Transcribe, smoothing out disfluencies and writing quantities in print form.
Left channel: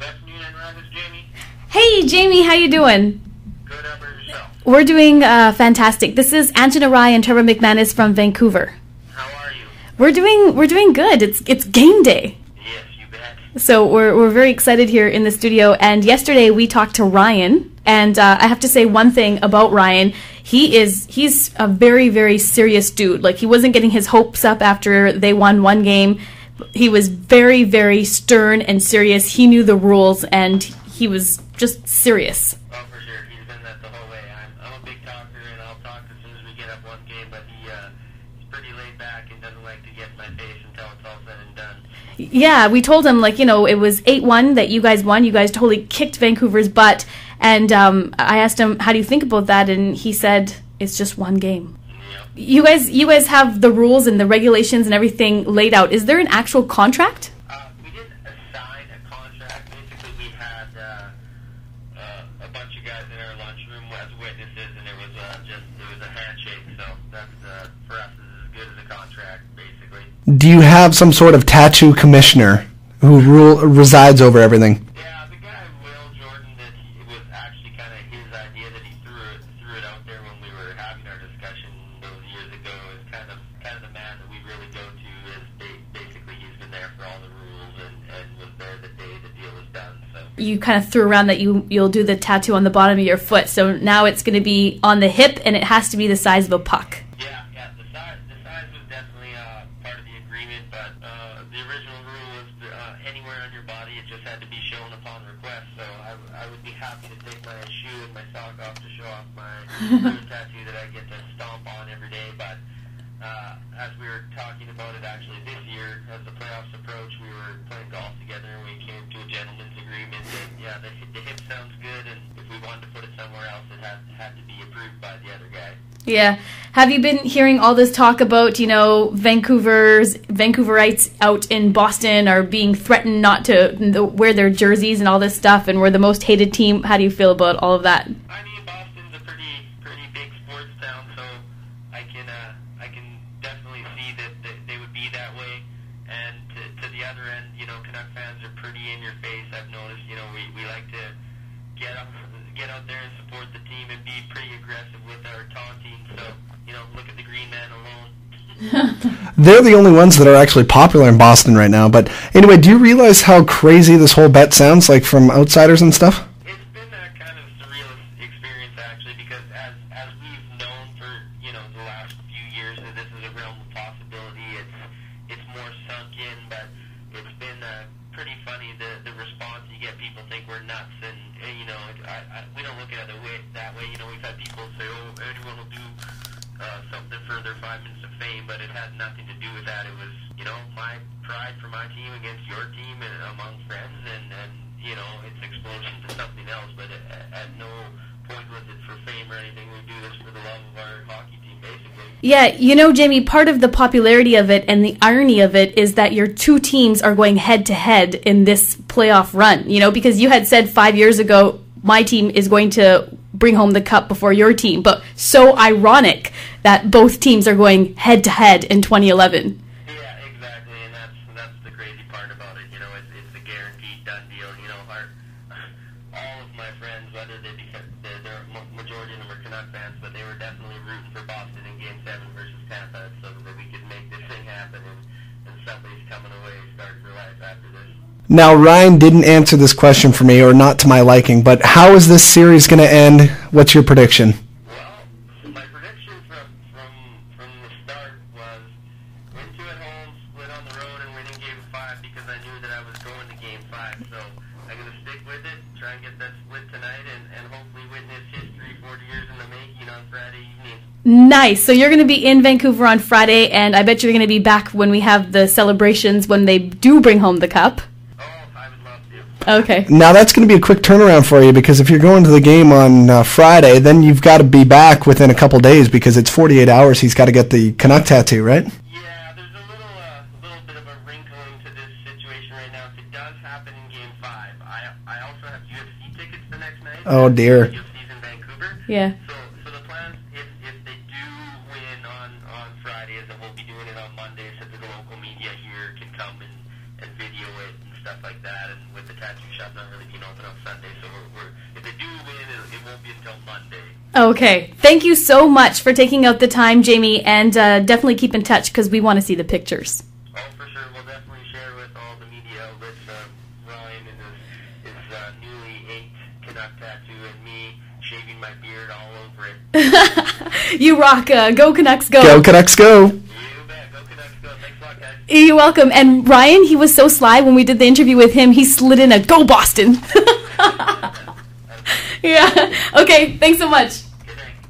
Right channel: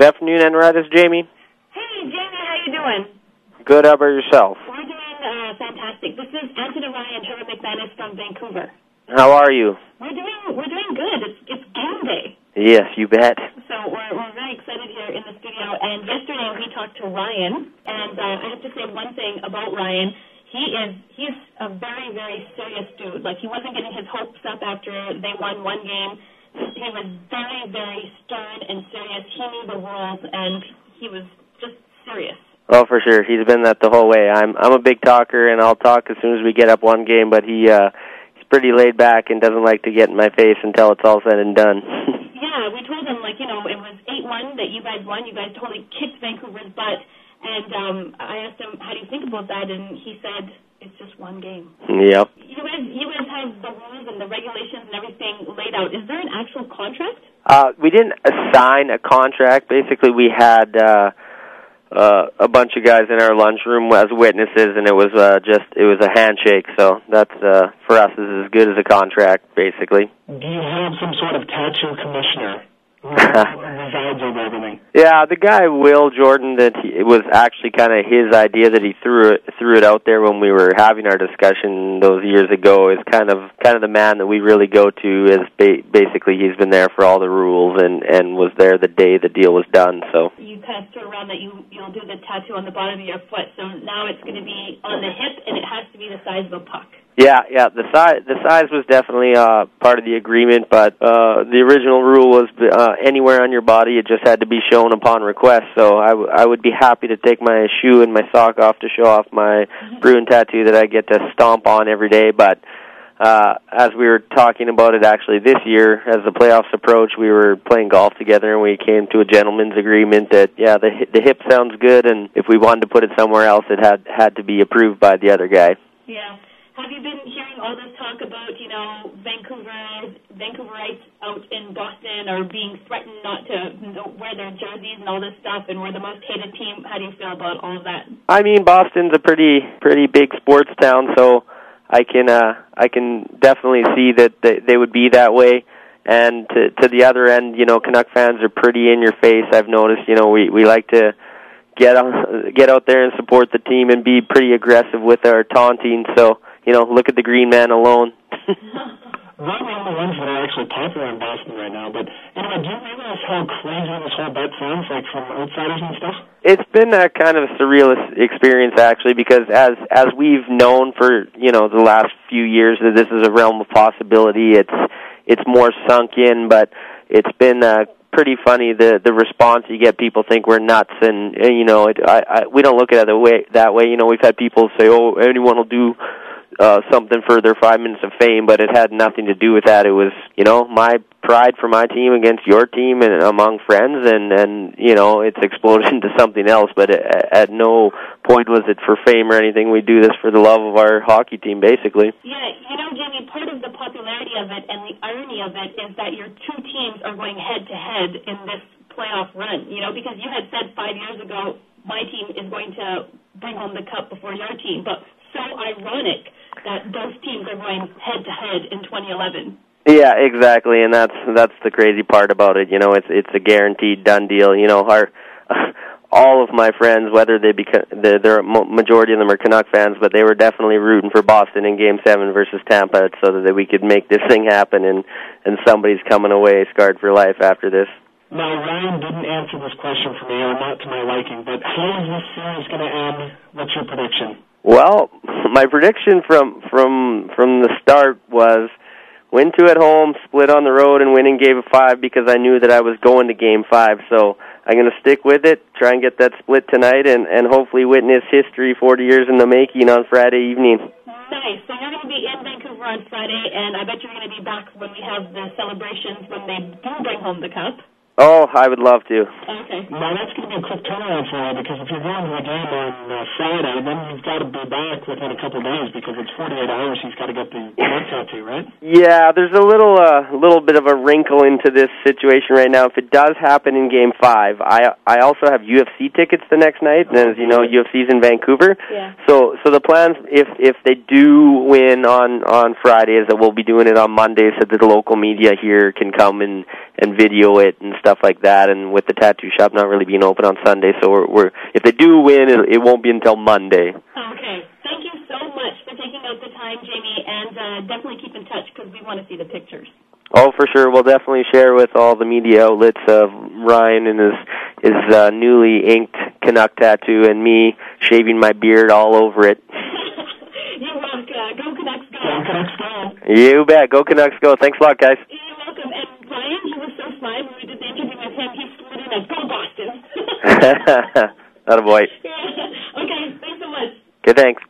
Good afternoon, Enright. It's Jamie. Hey, Jamie, how you doing? Good. How about yourself? We're doing fantastic. This is Angela Rye and Trevor McManus from Vancouver. How are you? We're doing good. It's game day. Yes, you bet. So we're very excited here in the studio. And yesterday we talked to Ryan, and I have to say one thing about Ryan. He's a very, very serious dude. Like, he wasn't getting his hopes up after they won one game. He was very, very stern and serious. He knew the rules, and he was just serious. Well, for sure. He's been that the whole way. I'm a big talker, and I'll talk as soon as we get up one game, but he's pretty laid back and doesn't like to get in my face until it's all said and done. Yeah, we told him, like, it was 8-1 that you guys won. You guys totally kicked Vancouver's butt. And I asked him, how do you think about that? And he said, it's just one game. Yep. You guys have the rules and the regulations and everything laid out. Is there an actual contract? We didn't assign a contract. Basically, we had a bunch of guys in our lunchroom as witnesses, and it was a handshake. So that's for us is as good as a contract, basically. Do you have some sort of tattoo commissioner who resides over everything? Yeah, the guy Will Jordan, it was actually kind of his idea that he threw it out there when we were having our discussion those years ago. Is kind of the man that we really go to. Is basically he's been there for all the rules and was there the day the deal was done. So you kind of threw around that you'll do the tattoo on the bottom of your foot. So now it's going to be on the hip, and it has to be the size of a puck. Yeah. The size was definitely part of the agreement, but the original rule was anywhere on your body. It just had to be shown upon request. So I would be happy to take my shoe and my sock off to show off my Bruin tattoo that I get to stomp on every day. But as we were talking about it actually this year, as the playoffs approach, we were playing golf together, and we came to a gentleman's agreement that the hip sounds good, and if we wanted to put it somewhere else, it had to be approved by the other guy. Yeah. Have you been hearing all this talk about, Vancouverites out in Boston are being threatened not to wear their jerseys and all this stuff, and we're the most hated team? How do you feel about all of that? I mean, Boston's a pretty big sports town, so I can definitely see that they would be that way. And to the other end, Canuck fans are pretty in your face. I've noticed, we like to get out there and support the team and be pretty aggressive with our taunting. So, look at the green man alone. They're the only ones that are actually popular in Boston right now. But anyway, do you realize how crazy this whole bet sounds like from outsiders and stuff? It's been a kind of a surreal experience, actually, because as we've known for the last few years that this is a realm of possibility. It's more sunk in, but it's been pretty funny the response you get. People think we're nuts, and we don't look at it that way. We've had people say, "Oh, anyone will do something for their 5 minutes of fame," but it had nothing to do with that. It was my pride for my team against your team and among friends, and it's exploded into something else. But at no point was it for fame or anything. We do this for the love of our hockey team, basically. Yeah, Jamie, part of the popularity of it and the irony of it is that your two teams are going head-to-head in this playoff run, because you had said 5 years ago, my team is going to bring home the cup before your team, but so ironic that both teams are going head-to-head in 2011. Yeah, exactly, and that's the crazy part about it. It's a guaranteed done deal. All of my friends, whether the majority of them are Canuck fans, but they were definitely rooting for Boston in Game 7 versus Tampa so that we could make this thing happen, and somebody's coming away scarred for life after this. Now, Ryan didn't answer this question for me, or not to my liking, but how is this series going to end? What's your prediction? Well, my prediction from the start was win 2 at home, split on the road, and win in Game 5 because I knew that I was going to Game 5. So I'm going to stick with it, try and get that split tonight, and hopefully witness history 40 years in the making on Friday evening. Nice. So you're going to be in Vancouver on Friday, and I bet you're going to be back when we have the celebrations when they do bring home the cup. Oh, I would love to. Okay. Now, that's going to be a quick turnaround for you, because if you're going to the game on Friday, then you've got to be back within a couple days, because it's 48 hours he's got to get the Canuck tattoo, right? Yeah, there's a little bit of a wrinkle into this situation right now. If it does happen in Game 5, I also have UFC tickets the next night. Oh, dear. UFC's in Vancouver. Yeah. So the plans, if they do win on Friday, is that we'll be doing it on Monday so that the local media here can come and and video it and stuff like that. And with the tattoo shop not really being open on Sunday, so we're if they do win, it won't be until Monday. Okay. Thank you so much for taking out the time, Jamie, and definitely keep in touch because we want to see the pictures. Oh, for sure. We'll definitely share with all the media outlets of Ryan and his newly inked Canuck tattoo and me shaving my beard all over it. You rock. Go Canucks, go. Go Canucks, go. You bet. Go Canucks, go. Thanks a lot, guys. You're welcome. And Ryan, he was so sly when we did the interview with him, he slid in a go Boston. Attaboy. Yeah. Okay, thanks so much. Okay, thanks.